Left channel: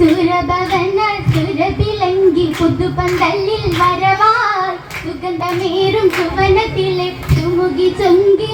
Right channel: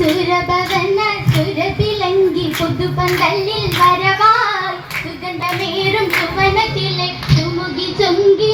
സുരഭവന സുരഭിലങ്കി പുതുപന്തല്ലിൽ വരവായി സുഗന്ധമേറും സുവനത്തിലെ സുമുഖി ചൊങ്കി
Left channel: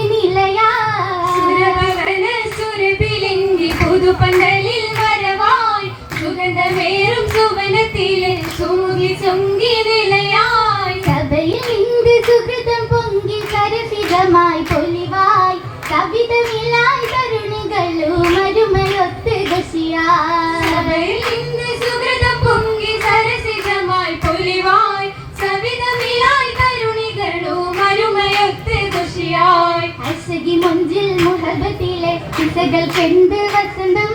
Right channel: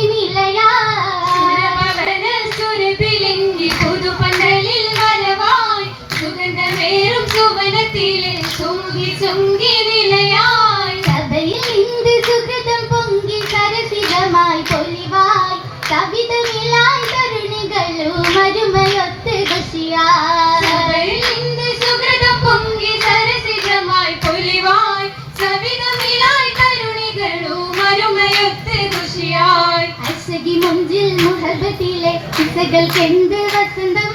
മുഞ്ചിൽ മുഹബത്തിലെ കിസകൾക്കെന്ത് വസന്തം?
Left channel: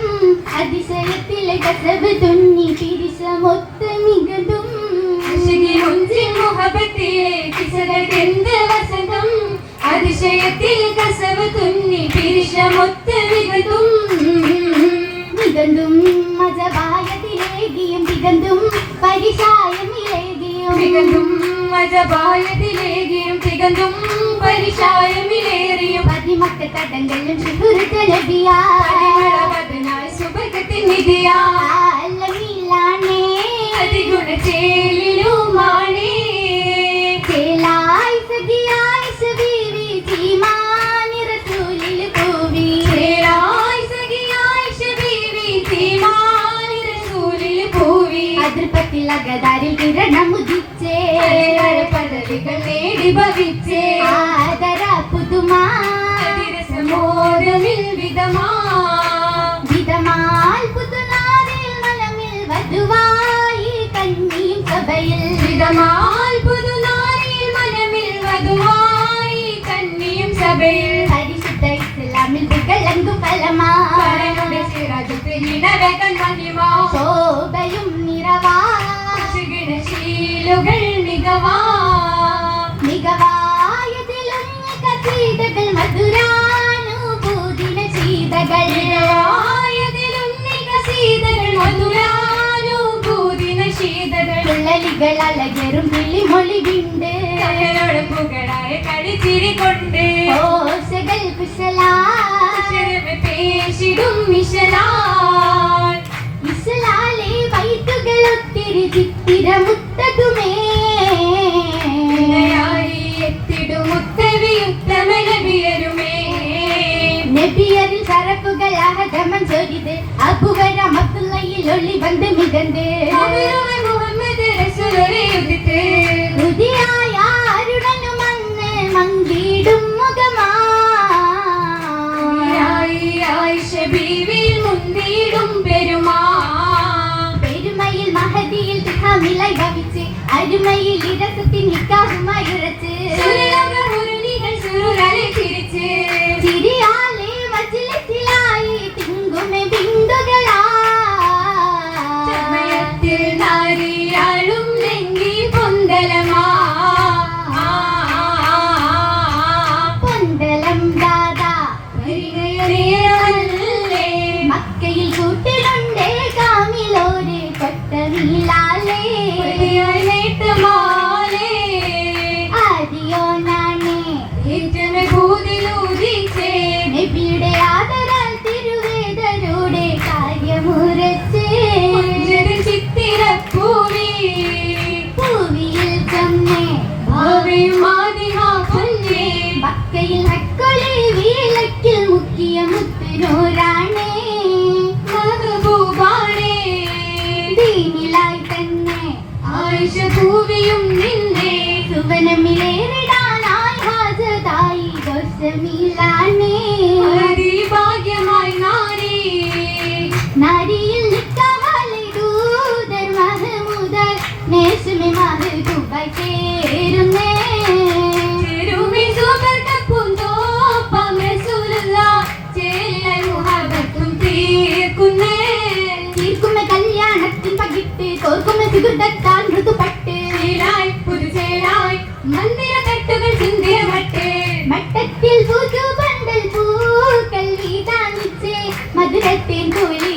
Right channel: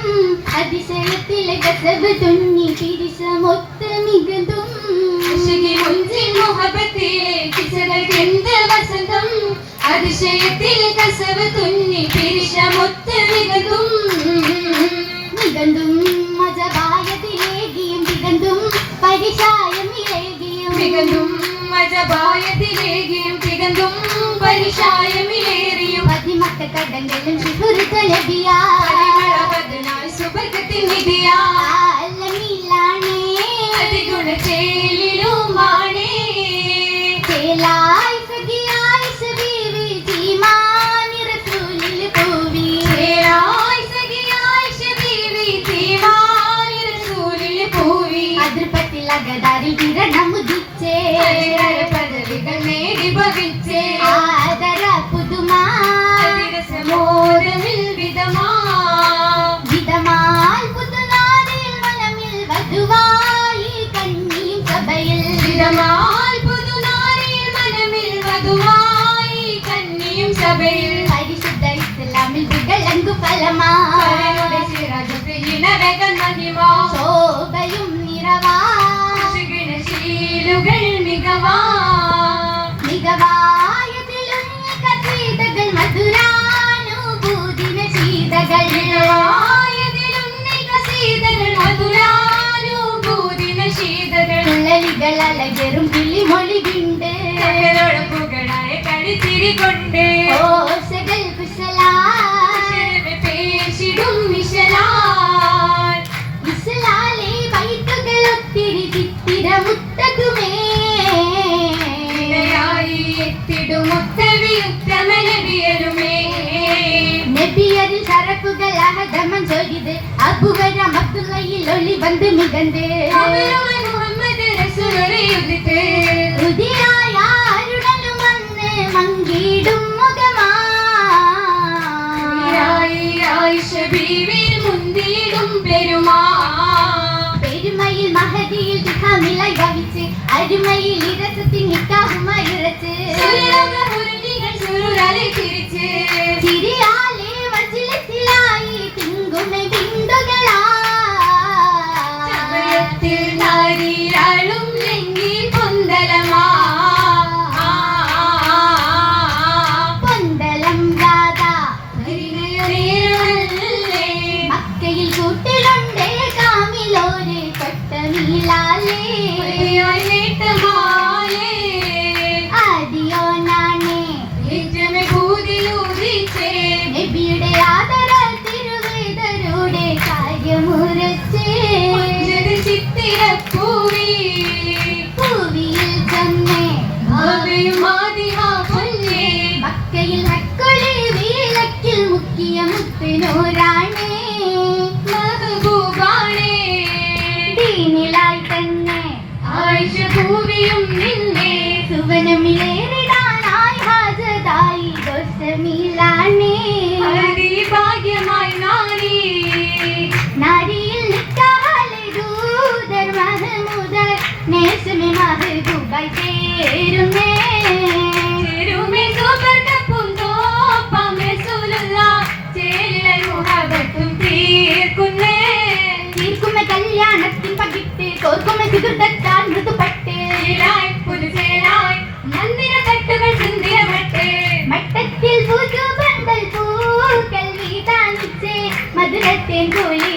അതിശയത്തിലെ കസബ് തുന്നി പിരിശമൊത്ത് മികതും. മുഹബത്തിലെ കിസകൾക്കെന്ത് വസന്തം? അതിശയത്തിൽ കസവ് തുന്നി പിരിശമൊത്ത് മികതും. മികന്തും മജപായത്തിലേകിയും മികന്തും പരിശായമിലേകിയും മികന്തും മജപായത്തിലേകിയും തികന്തും പരിശായമിലേറിയും പതിമക്കത്തടങ്ങളും സുഹൃത്തലബിയാ പരിമളവദനായി സുബർക്കത്തിൻ നിധിയാ ആലമില്ലാണേ അതിഗുണചേലിലുമാണേ ചേലായി സഖിയായി സബീവി ജീമാനി റസൂലിൽ പൂവി ചേരായി സഖിയായി ശബീവി തീമാനി റസൂലിൽ പൂവി അതിർപ്പത്തിൽ അകതാരിൽ കിരണം ഉദിച്ചേ പദവികൾ നേടി ഭവിച്ചേ. புகழ் அழகெரும் விழி மொழிகின்றே. புகழாறு கடி திரி கொண்டே ஓ செடல் குசலா பேசிடும் மிஷலா மிசலாலே வைத்துகள் ஒத்திரி சித்திர முத்தகுமே எத்திடும் முத்தவியும் தமிழவியருமே நெபியரில் சரப்புகள் அகதமன் சொல்கிறது அபுகரம் அப்துல்லையில் ஒளி வந்து மிதந்தே. enemy. പൂക്കൾ വീതാനിച്ച് മധുരത്തെ കൂലി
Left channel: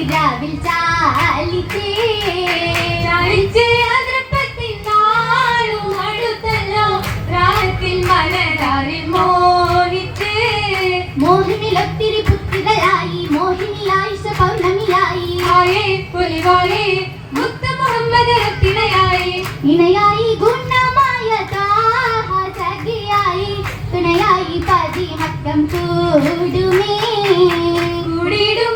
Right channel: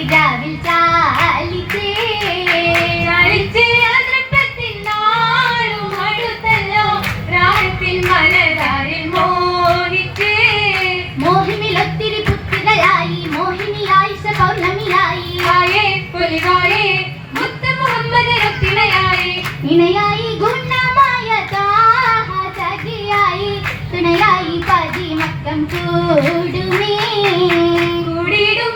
കുടിയിടും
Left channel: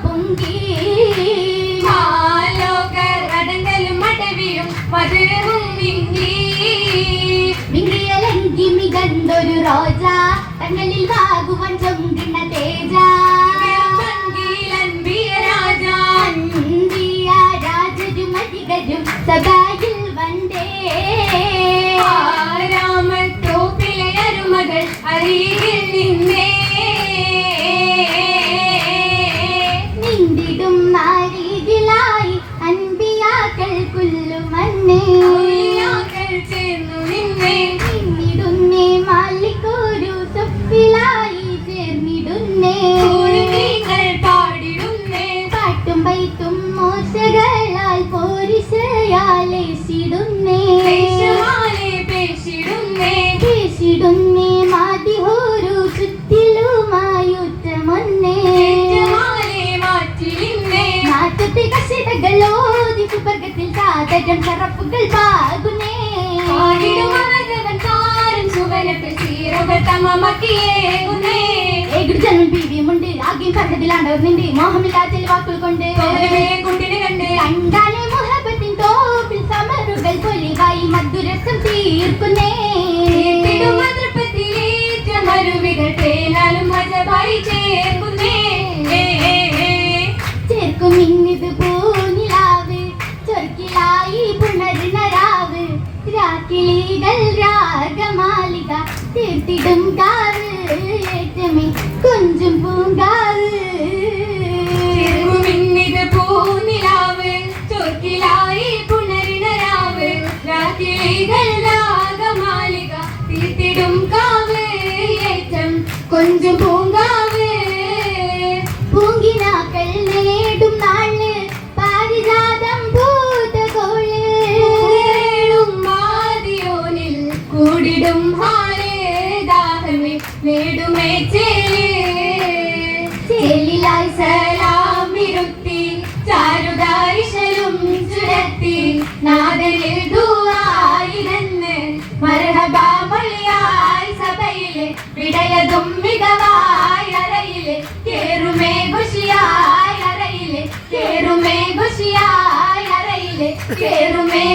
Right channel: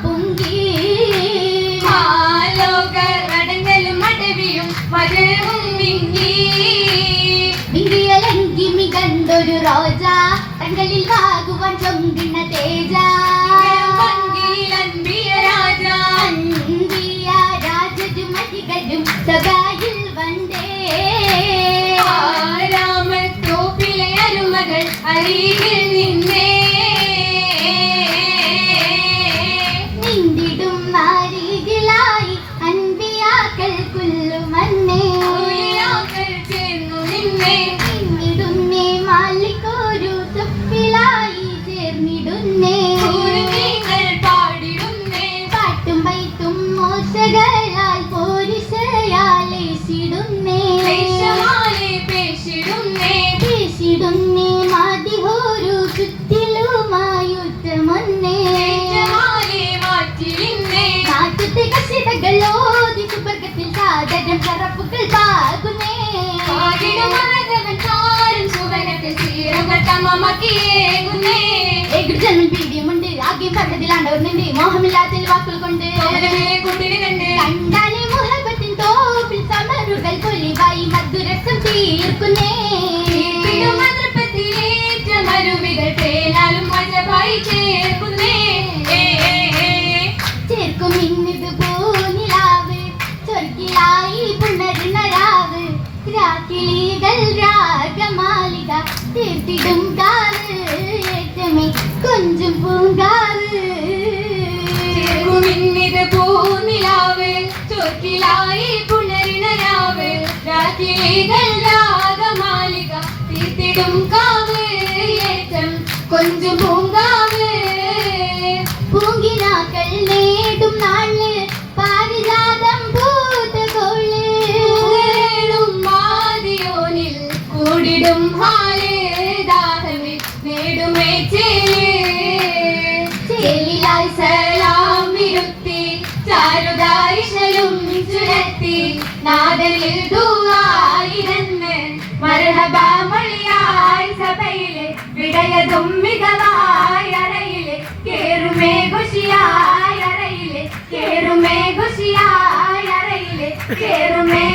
ആയിരം നടപ്പുകൾ താകുന്നേ ആയിരം മഴകവൻ താരം ചുവരത്തിൽ ചീറുക തമമക്കിയേകുന്നേ ഏകൃതനും പിടിയുമുണ്ട് ആഗ്യം കണ്ടതിലാണ്ടവർന്നുണ്ട് മോഹമില്ലാത്ത വാക്കുകൾ കൊണ്ട് മരണബാമൊഴിയായി കേറുമേ കേറുമേ കേറുമേ